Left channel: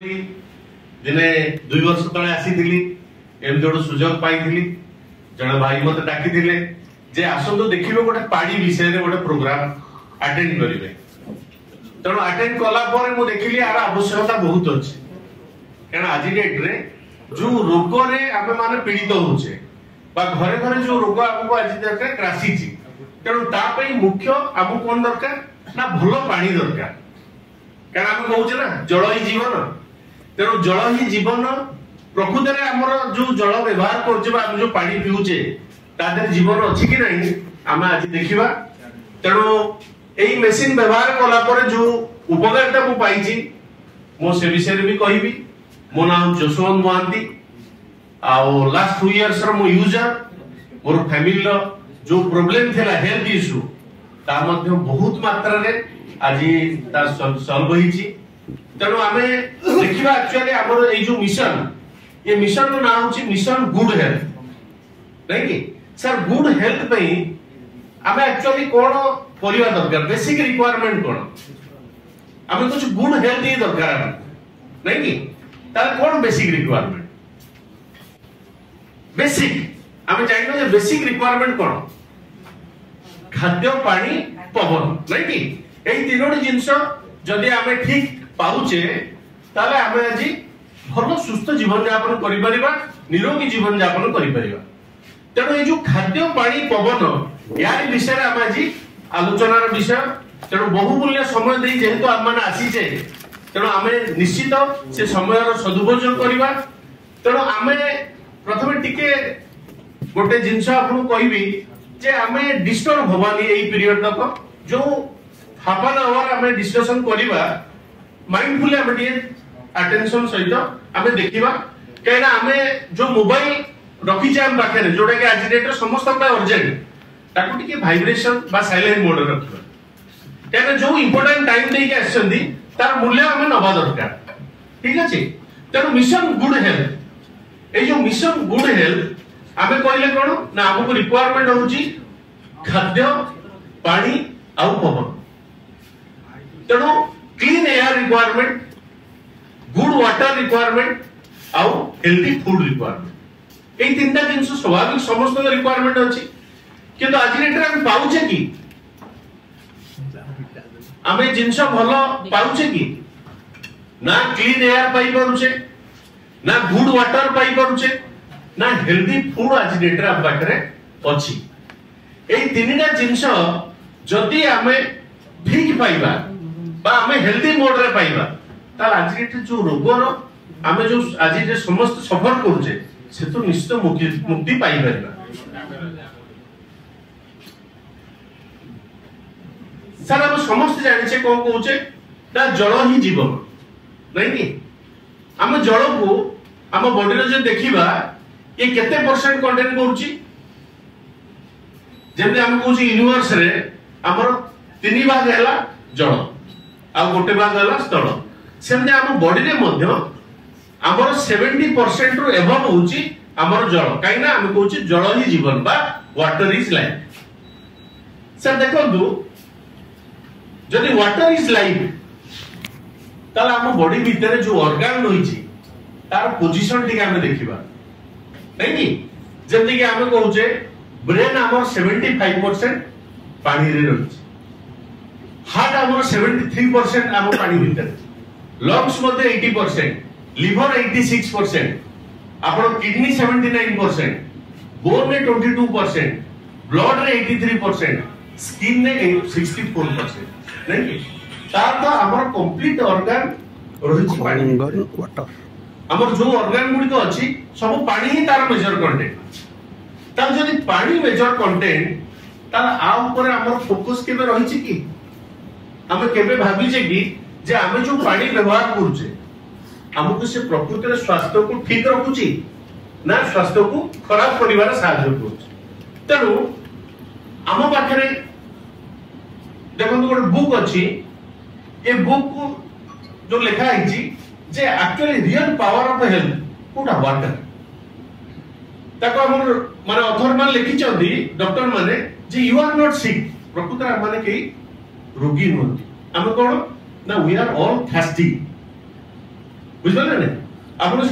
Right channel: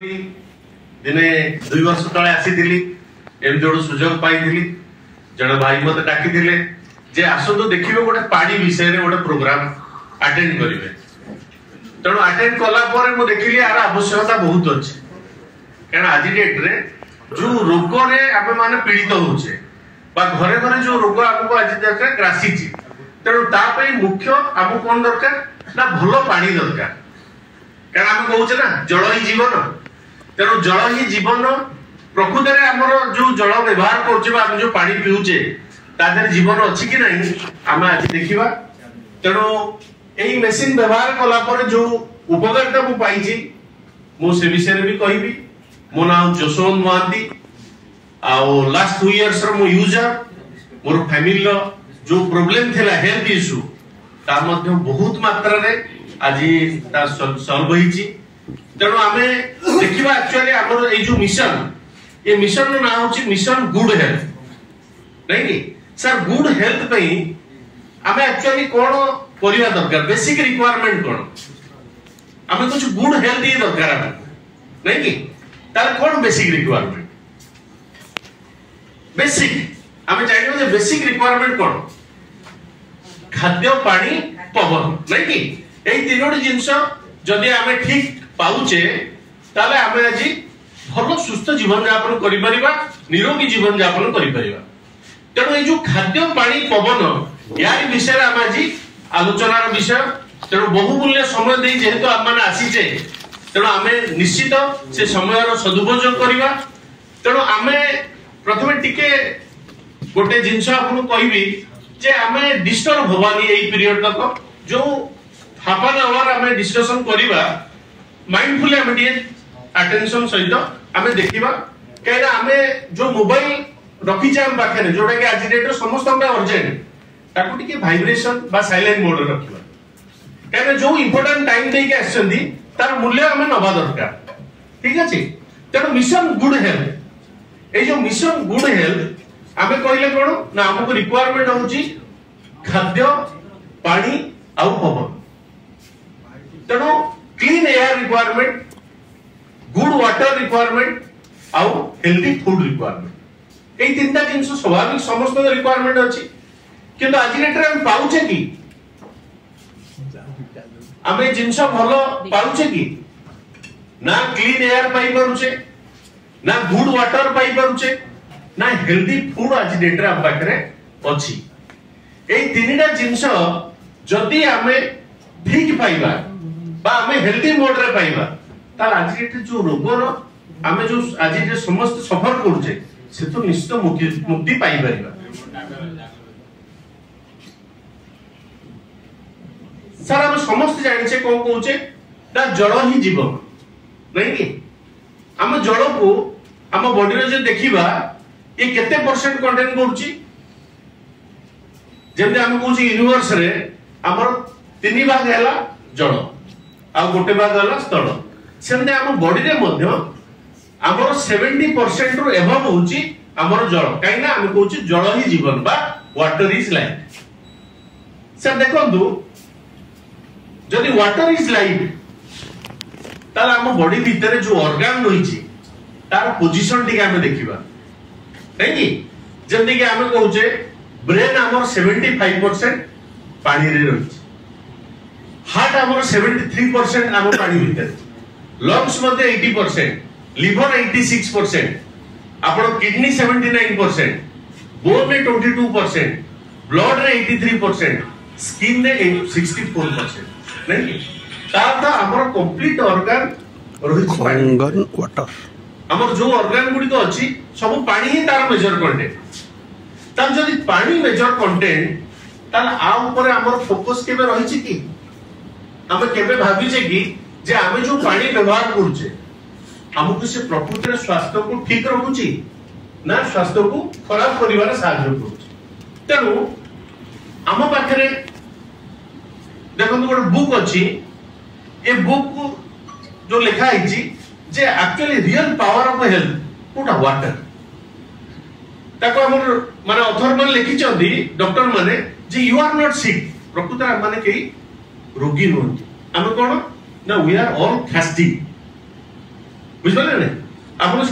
दिने 2 वर्ष तले आसी एमती गोटे सुजोग पाई जन भाई मत डाकी जे आसतु देखिए गोटे पानी विषय रे गोटे प्रोग्राम अटेंड करेंगे तेणु अटेंड कला मु देखिली यार आवश्यकता बहुत अच्छे कारण आज डेट रे जो रोग रे आमे माने पीड़ित होचे बा घरे घरे जो रोग हमको आज दरकार ग्रासी तेणु तापई मुख्य हमको कौन दरकार ना भलो पानी दरकार कारण आम कहूचे ना जल ही जीवन तेणु जल ही जीवन प्रकृत में आमर जो जल व्यवहार कर जो पानी पीऊचे तादर जीवन अच्छी कि नहीं आम आज देखा तेणु यही मेसीन व्यवहार कला जो उपकारिता मु पाई मो से विषय भी कहबी मो ना जसवंत महांती लास्ट 2 इयर्स रो मो यूजर मोर फैमिली रो जो प्रॉब्लम थिला हेल्थ इश्यू ता मध्य बहुत मात्रा रे आज ता सॉल्व होईची तेणु आमे देखिबा एक्चुअली हमर ए जो मिशन ये मिशन रो नाम होची मिशन गुड हेल्थ नहीं कि सर गुड हेल्थ पे आमे एक्चुअली कोन परिवा दरकार बेसिक रिक्वायरमेंट कोन आमे कुछ गुड हेल्थ ही दरकार हमको नहीं कि तार कोन बेसिक रिक्वायरमेंट बेसिक आमे चाहिए जे बेसिक रिक्वायरमेंट कोन खाद्य पानी पवन नहीं कि एई तीनोटी जिंस जदि आमे ठीक पाउचे ताले आमे आज भलो सुस्थ जीवन यापन करि परिबा निरोगी जीवन यापन करि परिबा तेणु ये जो खाद्य पानी पवन यार विषय आम आज आलोचनार विषय तेणु बहुमूल्य समय दे जेहेतु आम मैंने आसीचे तेणु आम निश्चित से समय सदुपयोग करवा तेणु आम प्रथम टिके गोटे जिनस आपको कहबी जे आम डिस्टर्ब हवानी यही पीरियड तक जो हाफ एन आवर आम डिस्कशन करवा माइंडफुली आम अटेंशन सहित आम देखा कहीं आम जो मोबाइल रखीचे आम पाखे जोटा कि आज डेट समस्त अर्जेंट ताकू टिके वाइब्रेशन बा साइलेंट मोड रखिबा कहीं जो इंपोर्टेंट टाइम देके आछंदी तार मूल्य आम नबा दरकार ठीक अछि तेणु मिशन गुड हेल्थ ए जो मिशन गुड हेल्थ आमे कहले कोन ना हमको रिक्वायरमेंट होची खाद्य पानी आउ पवन तेणु clean air requirement good water requirement आउ हेल्दी फूड रिक्वायरमेंट এই তিনটা জিনিস স্বাভাবিক সমস্ত রিকোয়ারমেন্ট আছে কিন্তু আজ রেটরে আমি পাউছে কি আমি জিনিস ভালো পাউছে কি না ক্লিন এয়ার পাই পারুছে না গুড ওয়াটার পাই পারুছে না হেলদি ফুড আজ রেটরে আম পাখরে ଅଛି এই তিনটা জিনিস যদি আমি ঠিক পাইবা বা আমি হেলদি মোড রে পাইবা তার আজ রেটরে যে রোগর আমি যে আজ যে সমস্ত সফর করছে से तो निश्चित मुक्ति पाई परिबा सर हम समस्त जानि छे कोन कहूचे ता जल ही जीवन नहीं कि हम जल को हम बॉडी रे जो देखिबा ये केते परसेंट कंटेन करूची जेते हम कहूची यूनिवर्स रे हमर 3 भाग हैला जल आ गोटे भाग हैला स्थल सेमते हम बॉडी रे मध्य आमर 70% रु एबव होची आमर जल काई ना हम कहूची जल ही जीवन बा वाटर इज लाइफ सर देखंतु जदि वाटर इज लाइफ ताला हम बॉडी भीतर जो ऑर्गन रहिची तार पोजीशन टिके हम देखिबा नहीं कि जल्दी कि हम कहूचे ब्रेन आमर 75% पानी रे रहिची हार्ट आमर 73% आम पानी भीतर लंग्स मध्ये 80% लिवर 86% आपण किडनी 79% बोन में 22% ब्लड रे 83% स्किन ने 64% नहीं ताता हमर कंप्लीट ऑर्गन रहिछ ऑर्गन वाटर हमर जो ऑर्गन गुडी तो अछि सब पानी ही तार मेजर कंटेंट तार जदि पानी मेजर कंटेंट तार आ ऊपर हमर फोकस केबे रहिछि कि हम केबे भाबी जे कि जे हम जो पानी व्यवहार करूचे हमको से प्रकृति स्वास्थ्य को ठीक रखुची ना स्वास्थ्य को खराब करिवार साहाय्य करूची तेणु हम पाखरे देखो गोटे बुक अछि ए बुक को जो लिखा है जे actually real power of health कोटा वाटर ताको हमर माने ऑथर मान लिखि चंदी डॉक्टर माने जे यू आर नॉट सिक प्रकृति माने के रोगी नोंती हम कोन ना वी आर ऑल थर्स्टी ବୁଝିପାରିଲେ ନା ଆପଣ